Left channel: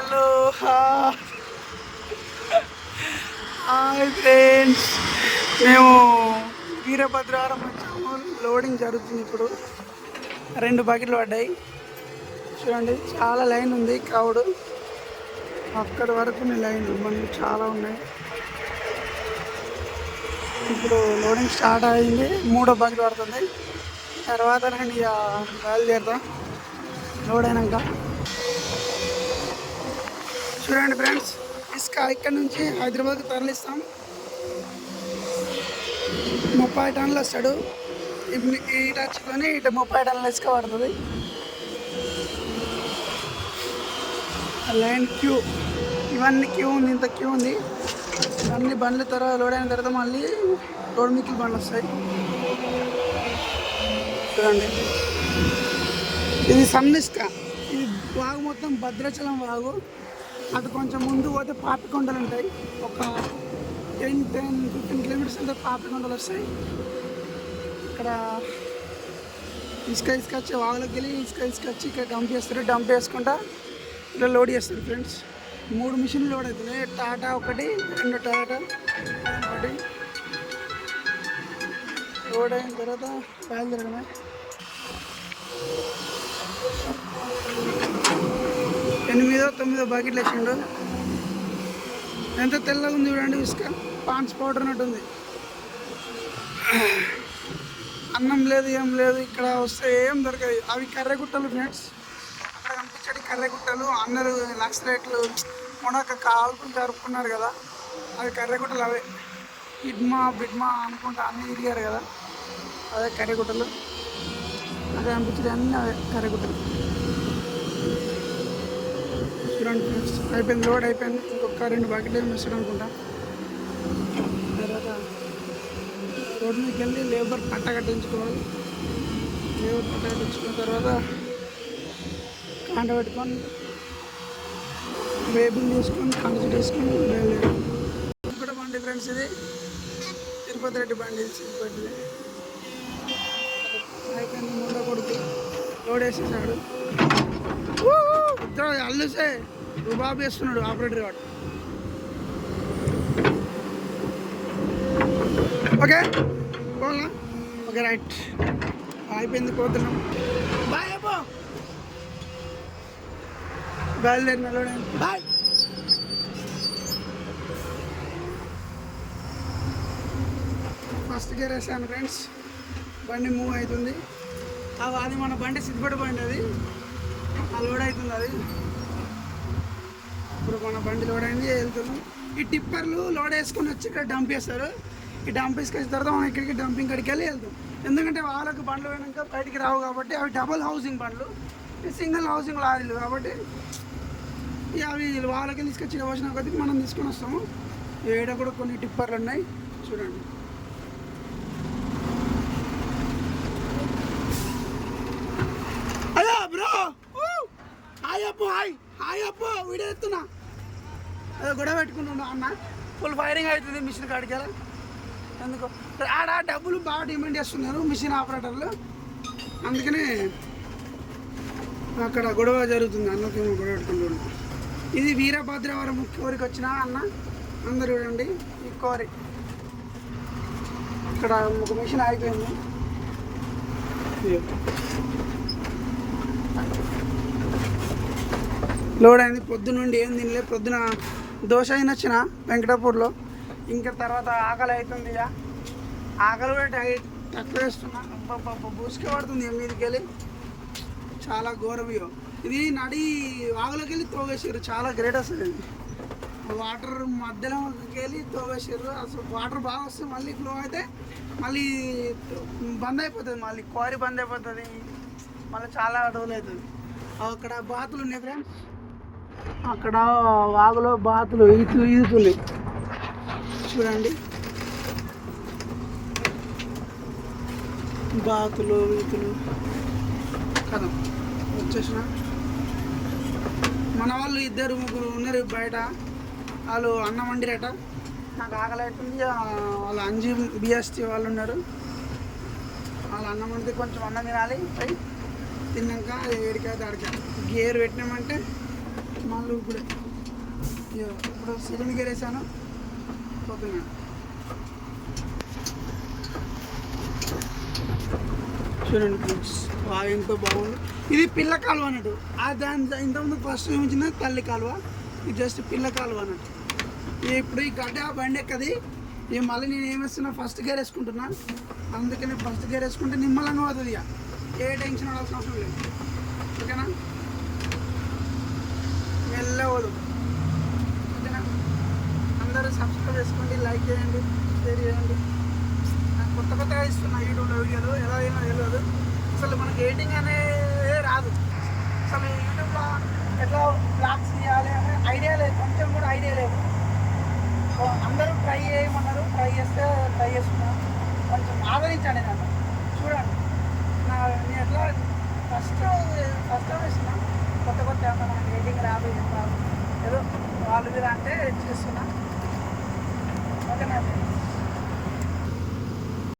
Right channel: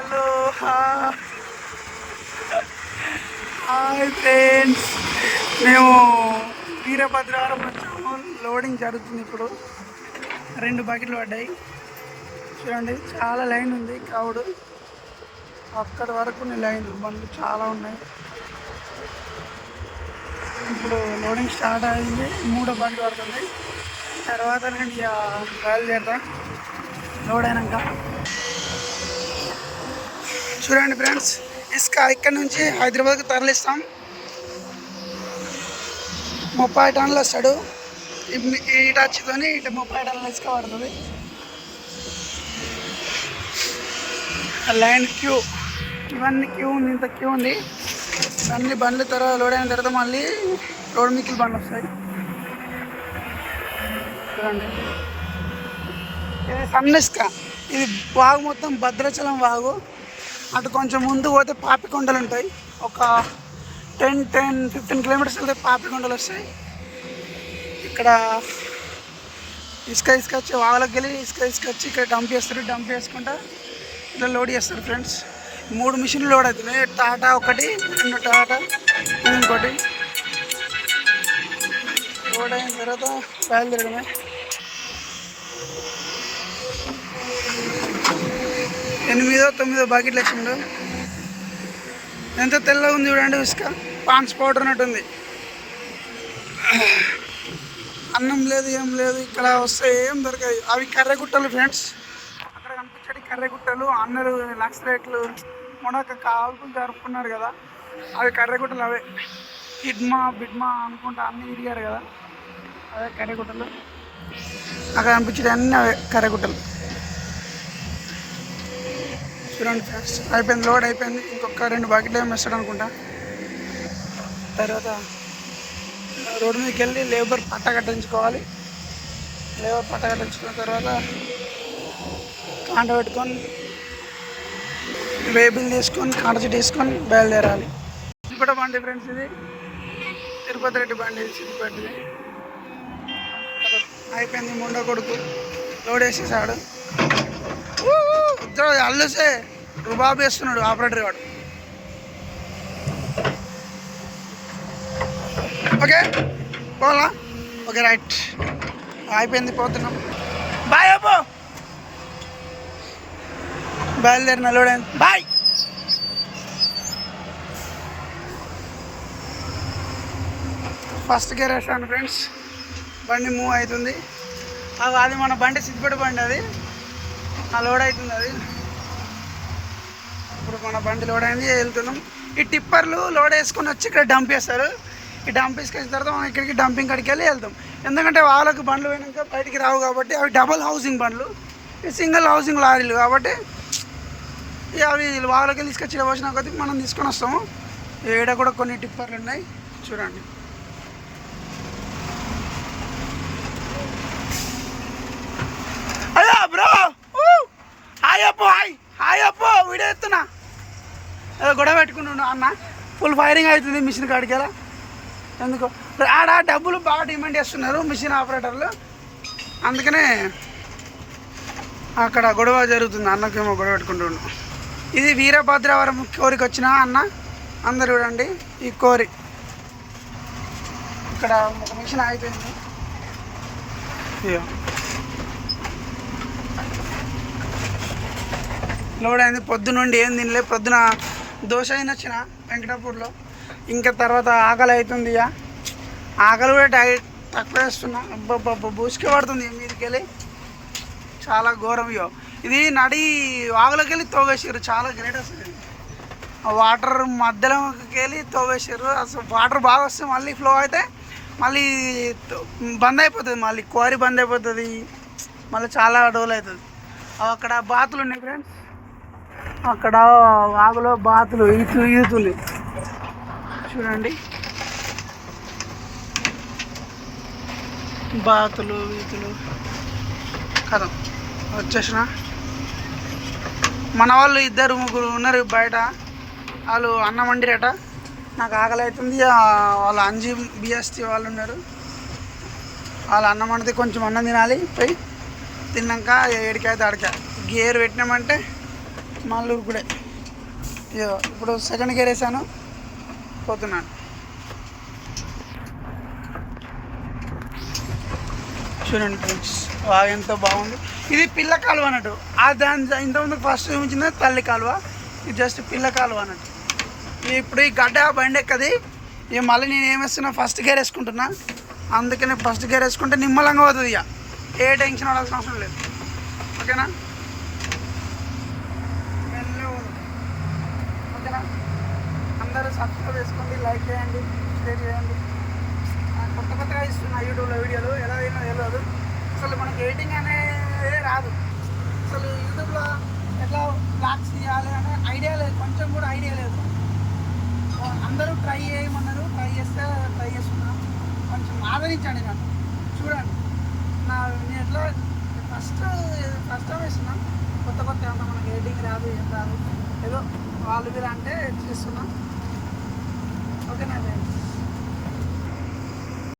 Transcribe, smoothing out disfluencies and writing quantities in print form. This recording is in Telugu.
హలో హాయ్ ఫ్రెండ్స్, మేము వీరభద్రవరం వచ్చాము. లోడింగ్ జరుగుతుంది ఇప్పుడు. 2 బకెట్లు పడ్డాయి చూడండి. చాలా లైన్ ఉంది, క్రౌడ్ అక్కడి వరకు లైన్, బండ్లు చాలా ఉన్నాయి. ఇప్పుడు లోడింగ్ స్టార్ట్ అయింది. 3వ బకెట్ పడుతుంది. తర్వాత నేను ఇక బయలుదేరుతా లోడ్ అయినాక. చూడండి ఫ్రెండ్స్, ఇసుక ఇక్కడ నుంచి హైదరాబాద్కి తరలిస్తాం. 30 టన్నులు వస్తాడు. ఇటు వచ్చితోని ఇటు 30 టన్నులు ఇసుక పడుతుంది. లైన్ క్యూ, ఇవన్నీ క్యూ ఉంది, ఇంత క్యూ ఉంది. అన్ని బండ్లు తర్వాత లోడ్ అయిన తర్వాత మళ్ళీ రోడ్ మిక్కిలి బండ్లు వస్తాయి. చూడండి, ఇది సన్న ఇసుక. ఇది వాగు మొత్తం భద్రాచలం వాగు. అటు కొంచెం ముందు పోతే పాపికొండలు ఉంటాయి. ఒక 10-15 కిలోమీటర్స్ వెళ్తే పాపికొండలు వస్తాయి. ఇక్కడ ఇసుక వచ్చి వాగులోకి వెళ్ళి ఇసుక వచ్చి ఇక్కడ డంప్ చేస్తారు. డంప్ చేసుకుంటా ఇలా లోడ్ చేస్తారు ఫ్రెండ్స్. 3 మిషన్లు లోడ్ అవుతున్నాయి. టాటా ఒకటి, 2 టాటా, ఇంకోటి. లోడ్ అయిన తర్వాత బయలుదేరడమే. 8-9 బకెట్లు వేసిండు. ఎంత తెల్లగా ఉంది చూడండి ఇసుక. పాన్స్ పౌడర్ అన్నట్టుంది. అన్నం లేదు, ఏం లేదు. ఇక్కడ వస్తే ఏం దొరకదు. అవి కర్రెగుట్టలు ఫ్రెండ్స్. అక్కడ కనిపించేది కర్రెగుట్టలు. అన్నలు లక్ష రేట్లు మొడక కాల్పులు జరుపుకున్నారు కదా, అవి కర్రెగుట్టలు. అవే బిడ్మా అనుకుంటా అన్నీ తిరిగారు కదా, అదే కర్రెగుట్టలు. అక్కడ కనిపించేది అన్నీ అవే కర్రెగుట్టలు. చూడండి ఫ్రెండ్స్, అయిపోయింది, లోడ్ అయిపోయింది. ఇంకొక 2 బకెట్లు ఏమి వేస్తాడు అనుకుంటా. తర్వాత రోడ్డు మీదకి వెళ్ళి లేబర్ పట్ట కట్టించుకోవాలి. లేబర్ పట్ట కట్టించుకున్న తర్వాత కాంట పెట్టుకొని వేబుల్ తీసుకొని కాంట చెట్టు తీసుకొని బయలుదేరాలి. ఇది కూడా బండి ఫ్రెండ్స్, ఇది తిరుపతి రెడ్డి బండి, సిద్దిపేటది. అయిపోయింది. ముండ కొడుకు లోడ్ వేసేసాడు. అల్లుసే రుబాబు వేస్తున్నాడు ఆపరేటర్ వాడు. ఓకే పోలా, ఓకే రైట్. అయిపోయింది, పోతున్నాం. బాయ్ అబ్బో, బయలుదేరిన లోడ్ అయింది. బాయ్. ఫస్ట్ గేర్ వేసాను ఫ్రెండ్స్. బండి మూవ్ అవుతుంది. అది మన బండి సిద్దిపేట బండి, అది ఆ లోడ్ అవుతుంది. అది ఇప్పుడు మన బండి లోడ్ అయింది, వెళ్తున్నాం. ఈ టిప్పర్లు లోడ్ వేసుకొని వచ్చి ఇక్కడ డంప్ చేస్తారు. ఈ డంప్ వేసుకొచ్చిన తర్వాత మనం ఇక్కడికి డంపింగ్ కాడికి వెళ్ళి వెళ్తాం. ఎందుకంటే వాళ్ళకి బండ్లు పోయినాక బయటికి రావు కాబట్టి, అవి డబుల్ హౌసింగ్ బండ్లు, సింగిల్ హౌసింగ్ లారీలు కాబట్టి అవి వాళ్ళకి వెళ్ళి తీసుకొచ్చి వచ్చిన కొద్దికి మనం తీసుకొని వస్తాము. ఏడ కూడా కొన్ని టిప్పర్లు ఉన్నాయి చూడండి. అయ్యా బ్రో, హాయ్ అప్పు, హాయ్ అప్పు, వీడియో ఎత్తున్నా. గొడవ పెట్టుకుంటున్నా అన్న. ఫుల్ ఫైరింగ్ అవుతుంది మిషన్ కాడికి. ఎలా ఎందుకు ఆడ డబ్బులు బాగా డిమాండ్ చేస్తున్నారు మిషన్ ఆపరేటర్లు, అందుకనే అక్కడ గొడవ జరుగుతుంది. అన్నకేమో గొడవ పెట్టుకుంటున్నాం. ఇది వీరభద్రవరం కోరికి వచ్చిన అన్న. అందరు చూడండి ఈ కోరి. ఇక్కడ ఒక మిషన్ అయిపోయింది. లోడ్ అయింది. పొద్దునుండి ఏం తినలే. పొద్దున దోశ అయిన వచ్చిన వెంకటాపూర్లో. ఇంకా తర్వాత ఆకలి అవుతుంది. ఇక ఆకలి కూడా డైట్ తక్కువ వేస్తున్నా. అబ్బబ్బబ్బ బూసుకే పడుతుంది మీదకి వెళ్ళి. చాలా ఘోరం. ఇది నడి వాగులోకి వెళ్ళి తోవేసారు. చాలా గ్రేట్ అసలు. ఇది వాటర్ మధ్యలోకి వెళ్ళి తోవేసారు. అసలు వాటర్ బాగా వస్తే మళ్ళీ ఫ్లో అయితే మళ్ళీ బంద్ అయిపోతుంది. మళ్ళీ క్వారీ బంద్ అయిపోతుంది. మళ్ళీ చాలా డోల్ అవుతుంది. అక్కడ బాతులు ఉన్నాయి ఫ్రెండ్స్. అక్కడ వాగులో బాతులు ఈదుతుంది చూడండి. బాతులు ఈతులు కదా. వచ్చేసిన మన వాళ్ళు 2-3 ఉన్నారు బయట. వాళ్ళు అన్నం వండిరట. నాకు ఆకలి అవుతుంది. వాళ్ళు అంజి బిఎస్టీ వాళ్ళు ఉన్నారు. వాళ్ళు అన్నం వండితే కొంచెం అన్నం తినాలి. పోయి తిన్నాక 7కి అయితే ఆడికా గేర్ పెట్టినామంటే మల్లూరు కూడా ఇప్పుడు సెకండ్ గేర్ వేసాను, పోతున్నాను. చూడండి ఫ్రెండ్స్, బాగా ఎంతో బాగుంది. ఇది పిల్ల కాలువ అన్నట్టు. దాని ఇంతకుముందు ఫస్ట్ చూపించిన తల్లి కాలువ, ఇది జస్ట్ పిల్ల కాలువ అన్నట్టు. ఇప్పుడు ఈ గడ్డ బండి ఎక్కది. ఇక మళ్ళీ నేను ఏం వేస్తున్నా, ఫస్ట్ గేర్ వేసుకుంటున్నా. అందుకనే ఫస్ట్ గేర్ వేసుకుంటే నిమ్మలంగా పోతుంది. ఇక ఏ టెన్షన్ పడాల్సిన అవసరం లేదు. ఓకేనా, మెల్లగా పోదాం. ఓకేనా, అందరూ సబ్స్క్రైబ్ చేసుకోండి, లైక్ చేయండి, షేర్ చేయండి. కొత్తగా ఇస్తున్నా యూట్యూబ్లో వీడియోలు, ఎలా అయినా తెలియదు. అసలు మనకు ఎడిటింగ్ అనేది రాదు. అసలు యూట్యూబ్లో ఎట్లా బ్లాగ్స్ తీయాలి అనే ఐడియా లేదు, కొంచెం కూడా ఐడియా లేదు. అందరూ ట్రై చేయమన్నారు, ట్రై చేస్తున్నా. కొంచెం ఆదరించండి నన్ను. చూడండి నేను ఎట్లా ఫస్ట్ టైం వేస్తున్నా. కొత్త అంత మనకి ఎడిటింగ్ రాదు, ఏం రాదు. ఏదో వాళ్ళు మీరు అంటే చేస్తున్నా. ఓకేనా.